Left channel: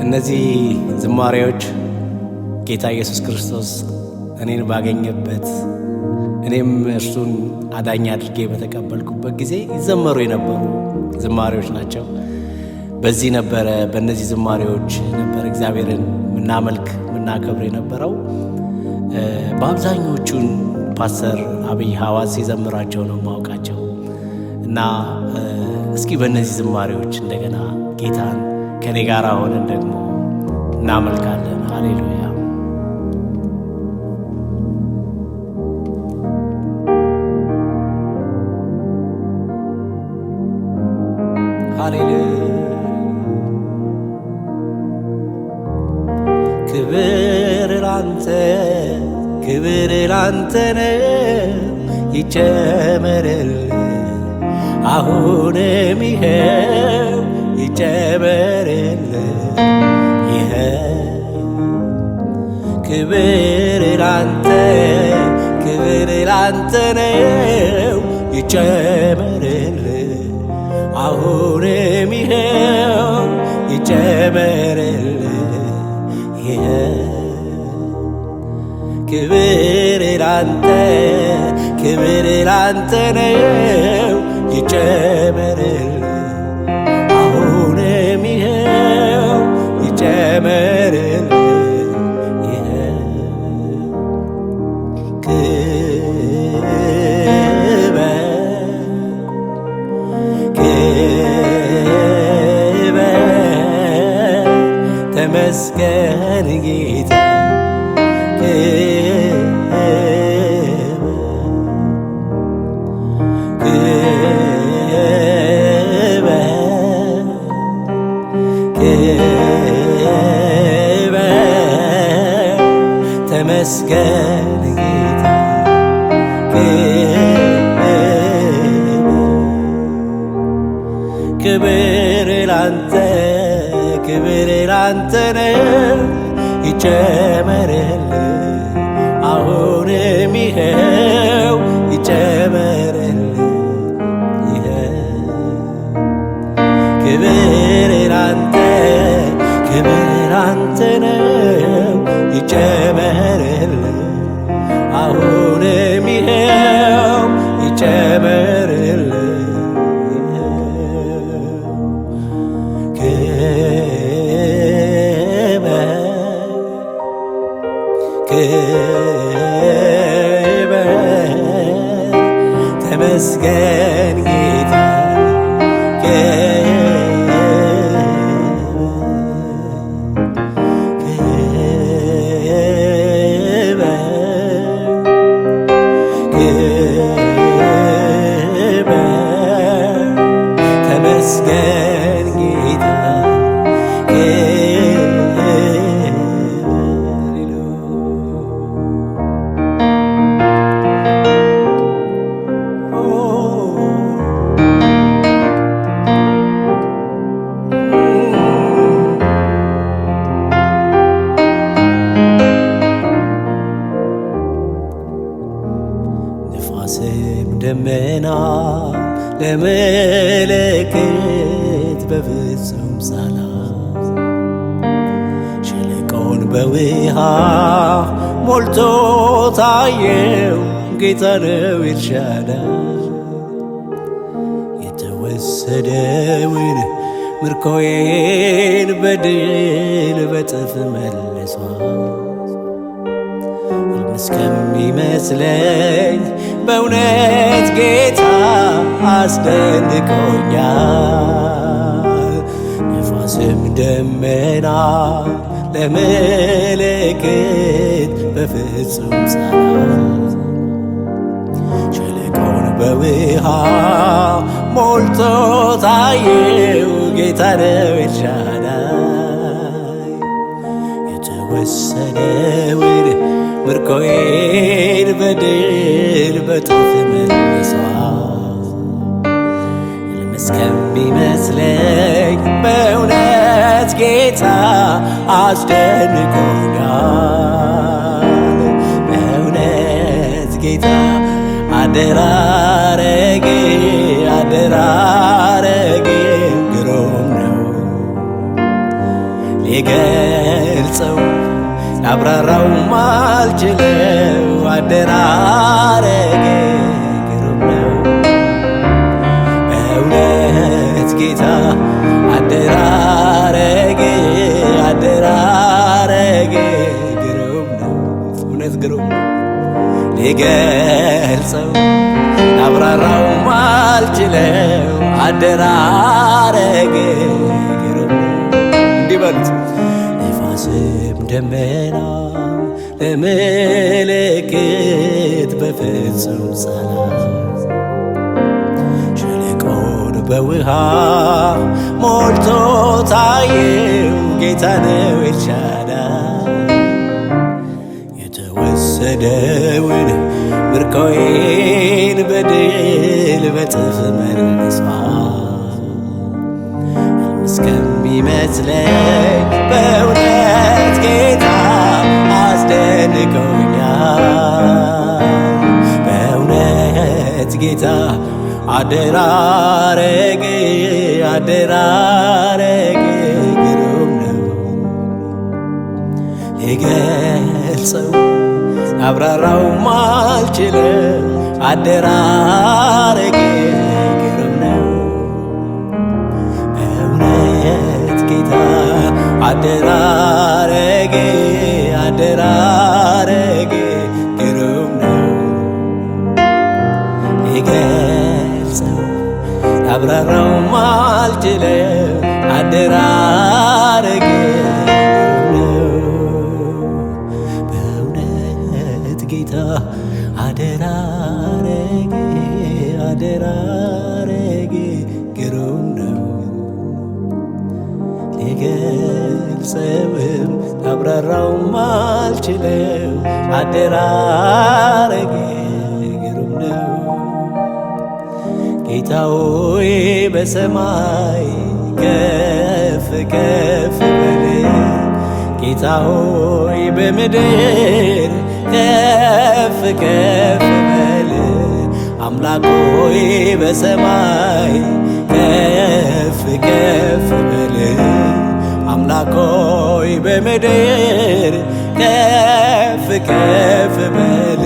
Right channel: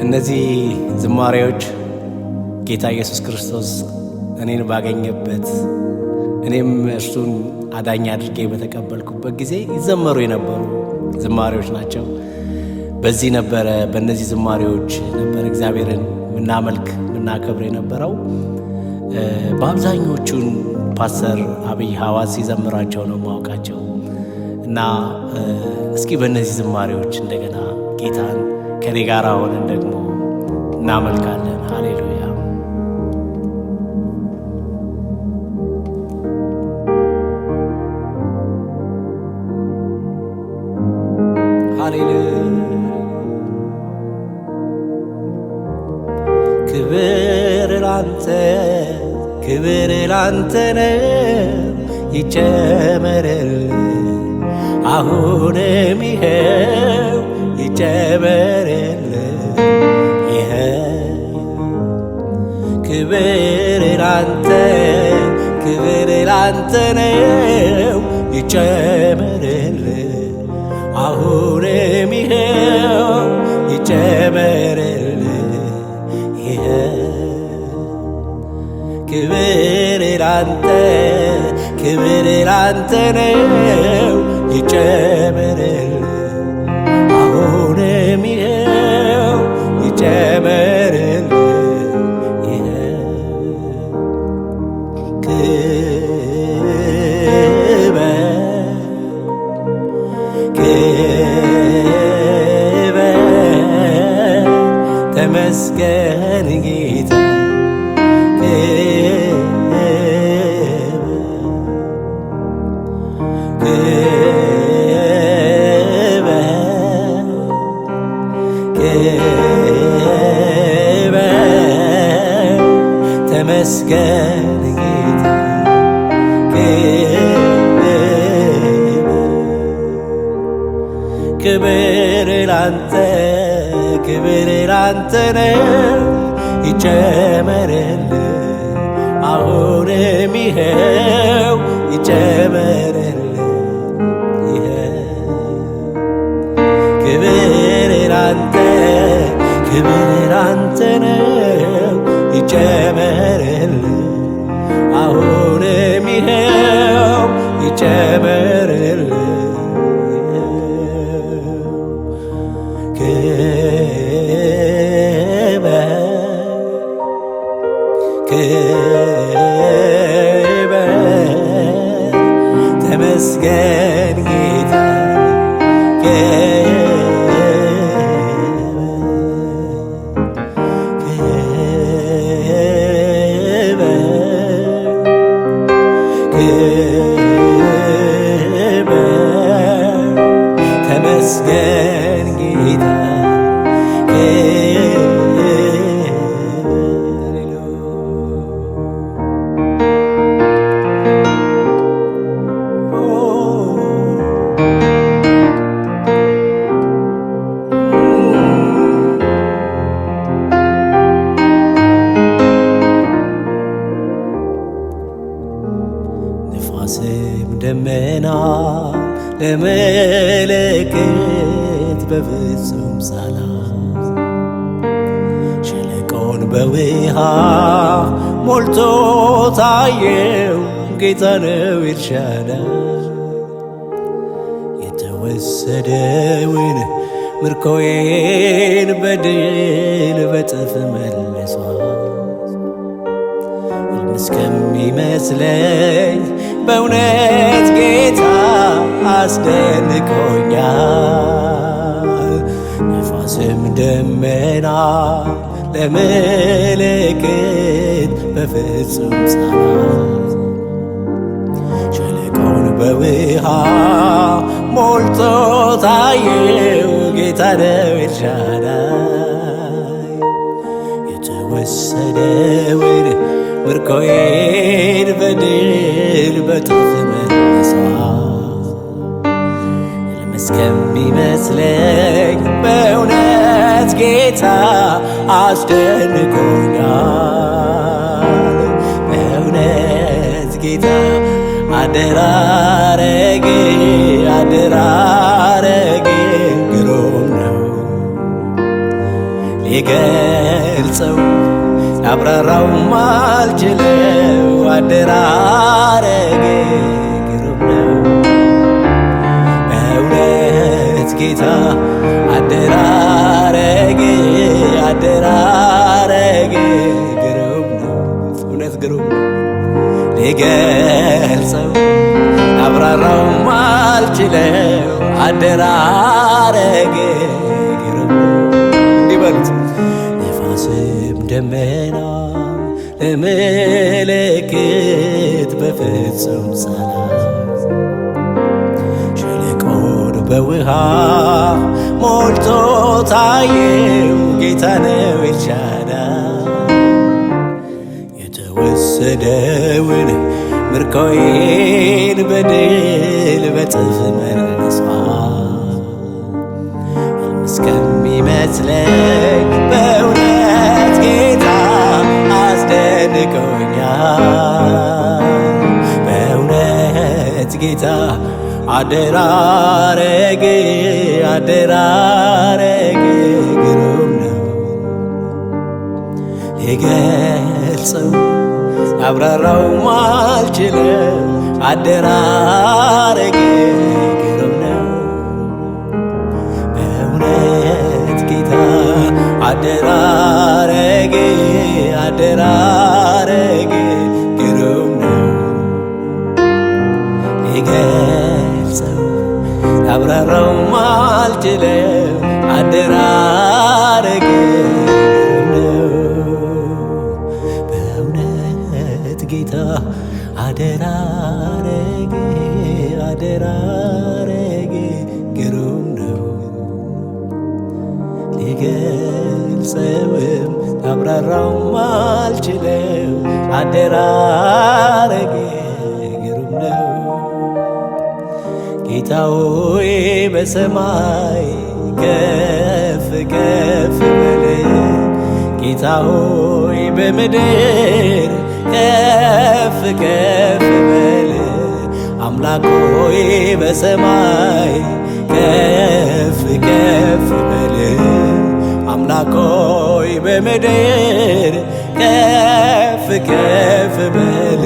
እነዚህ ዝማሬዎች ጌታ ኢየሱስ ክርስቶስ እኔን ባገኘበት እኔም እርሱን አዳኝ አድርጌ በተቀበልኩበት ጊዜ ይዘመሩ የነበሩ ዝማሬዎች ናቸው። በእነዚህ ዝማሬዎች ነበር እግዚአብሔርን ምናመልክ ምናከብር የነበረው። በአብዛኞቹን ፓስተር አብይ ሐዋዝ ሲዘምራቸው ነው ማውቃቸው እና እስኪ በእነዚህ ዝማሬዎች እንደገና ጌታን ከኔ ጋር ሆነን ደግሞ እናመልካለን። ሃሌሉያ ሃሌሉያ። ክብር ላንተ ነው ይጨመርልህ አሁንም ይኸው ይጨመርልህ ይኸው። ክብር ላንተ ነው ይጨመርልህ አሁንም ይኸው ይጨመርልህ ይኸው። ክብር ላንተ ነው ይጨመርልህ አሁንም ይኸው ይጨመርልህ ይኸው። ክብር ተመስገን ጌታ ተመስገን ጌታ ክብር ላንተ ነው ይጨመርልህ አሁንም ይኸው ይጨመርልህ ይኸው። ክብር ላንተ ነው ይጨመርልህ አሁንም ይኸው ይጨመርልህ ይኸው። ክብር ተመስገን ጌታ ተመስገን ጌታ ንፋስም ደመና ለመለከት በፍጹም ሳላዝ ሸለቆን በውሃ ሞልቶ ታየው ጌታ ነው ኤልሻዳይ። የተወሰደውን ምርኮዬን በድል በጥፍ መልሷል። ሕልም እስከሚመስለኝ በእውነት ጌታ አስደንቆኛል። ንፋስም ደመና ለመለከት በፍጹም ሳላዝ ሸለቆን በውሃ ሞልቶ ታየው ጌታ ነው ኤልሻዳይ። የተወሰደውን ምርኮዬን በድል በጥፍ መልሷል። ሕልም እስከሚመስለኝ በእውነት ጌታ አስደንቆኛል። በእውነት ጌታ አደራረጌ ግሩም ነው። ሊገልጸው ላብራራው ማልችለው አደራረጌ ግሩም ነው በእውነት ጌታ አደራረጌ ግሩም ነው እውነት ግሩም ነው ሊገልጸው ላብራራው ማልችለው አደራረጌ ግሩም ነው እንዲህ በሉት ነፋስም ደመናም ለምልክት በፍጹም ሰላም ሸለቆን በውሃ ሞልቶ ታየው ጌታ ነው ኤልሻዳይ የተወሰደውን ምርኮዬን በድል በጥፍ መልሷል እስከሚመስለኝ በእውነት ጌታ አስደንቆኛል በእውነት ጌታ አደራረጌ ግሩም ነው ሊገልጸው አብራራው ማልችለው አደራረጌ ግሩም ነው በእውነት ጌታ አደራረጌ ግሩም ነው ሊገልጸው አብራራው ማልችለው አደራረጌ ግሩም ነው በእውነት ጌታ አደራረጌ ግሩም ነው ሊገልጸውም ላብራራው ማልችለው አደራረጌ ግሩም ነው ጌታ ሆይ በሰማይ ከፍ ከፍ በል ጌታ ሆይ በምድር ከፍ ከፍ በል አምላክ ሆይ በሰማይ ከፍ ከፍ በል አምላክ ሆይ በምድር ከፍ ከፍ በል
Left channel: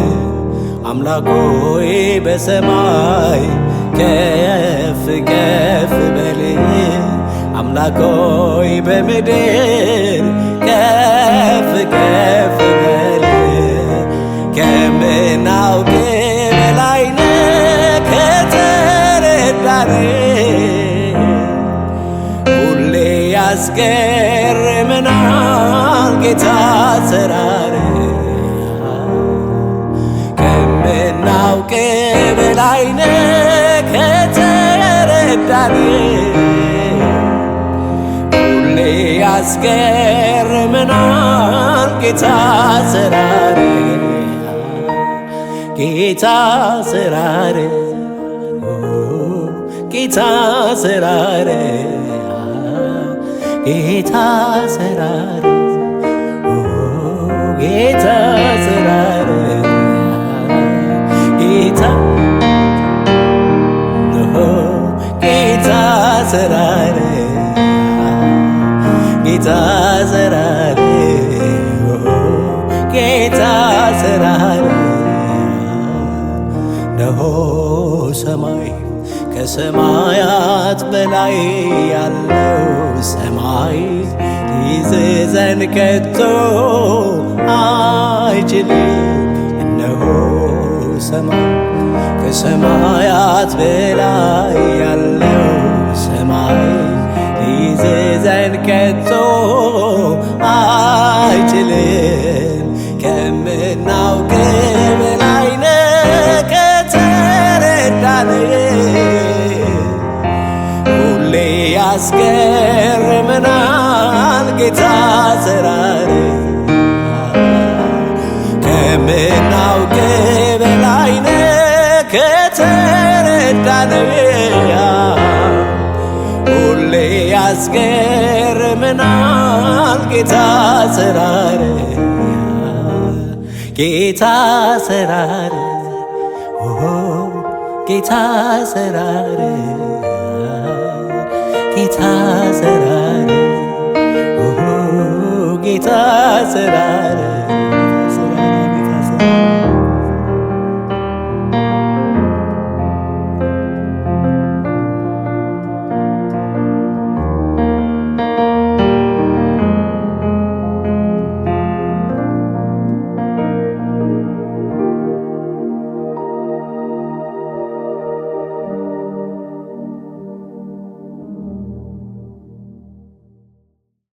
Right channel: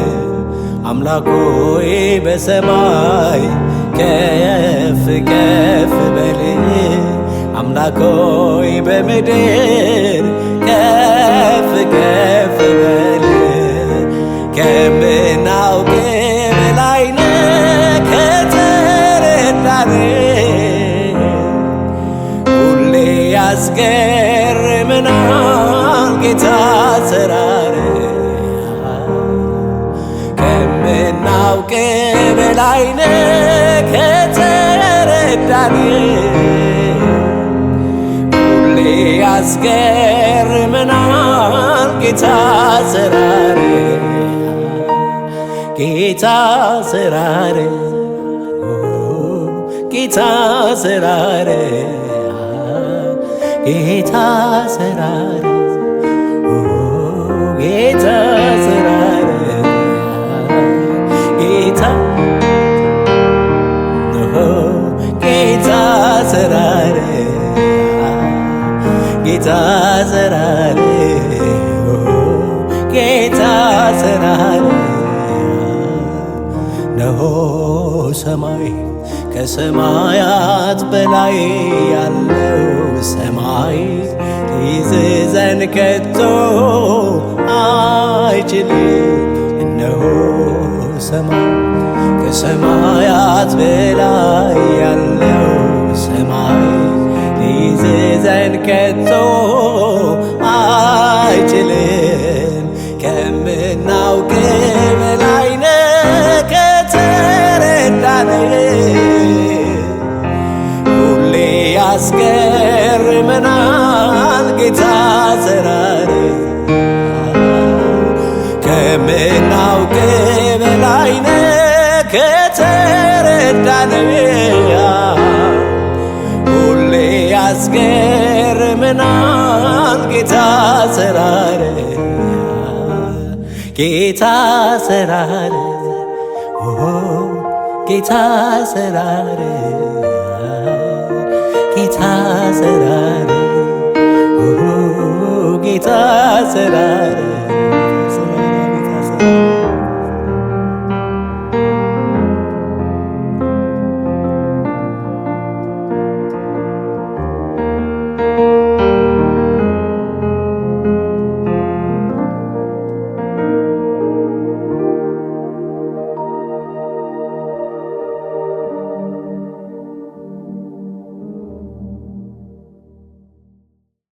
አምላክ ሆይ በሰማይ ከፍ ከፍ በል አምላክ ሆይ በምድር ከፍ ከፍ በል ከምናውቅ በላይ ነህ ከተረዳን ሁሌ ያስገርመናል ጌታ አሰራር ከምናውቅ በላይ ነህ ከተረዳን ሁሌ ያስገርመናል ጌታ አሰራር ጌታ አሰራር ጌታ አሰራር ጌታ አሰራር ጌታ አሰራር ጌታ ጌታ አሰራር ጌታ አሰራር ጌታ አሰራር ነሆ ሰማይ ከሰማያት በላይ ያለው ሰማይ ሊይዘን ከቶ አይችልም እነሆ ሰማይ ከሰማያት በላይ ያለው ሰማይ ሊይዘን ከቶ አይችልም ከምናውቅ በላይ ነህ ከተረዳን ሁሌ ያስገርመናል ጌታ አሰራር ከምናውቅ በላይ ነህ ከተረዳን ሁሌ ያስገርመናል ጌታ አሰራር ጌታ አሰራር ጌታ አሰራር ጌታ አሰራር ጌታ አሰራር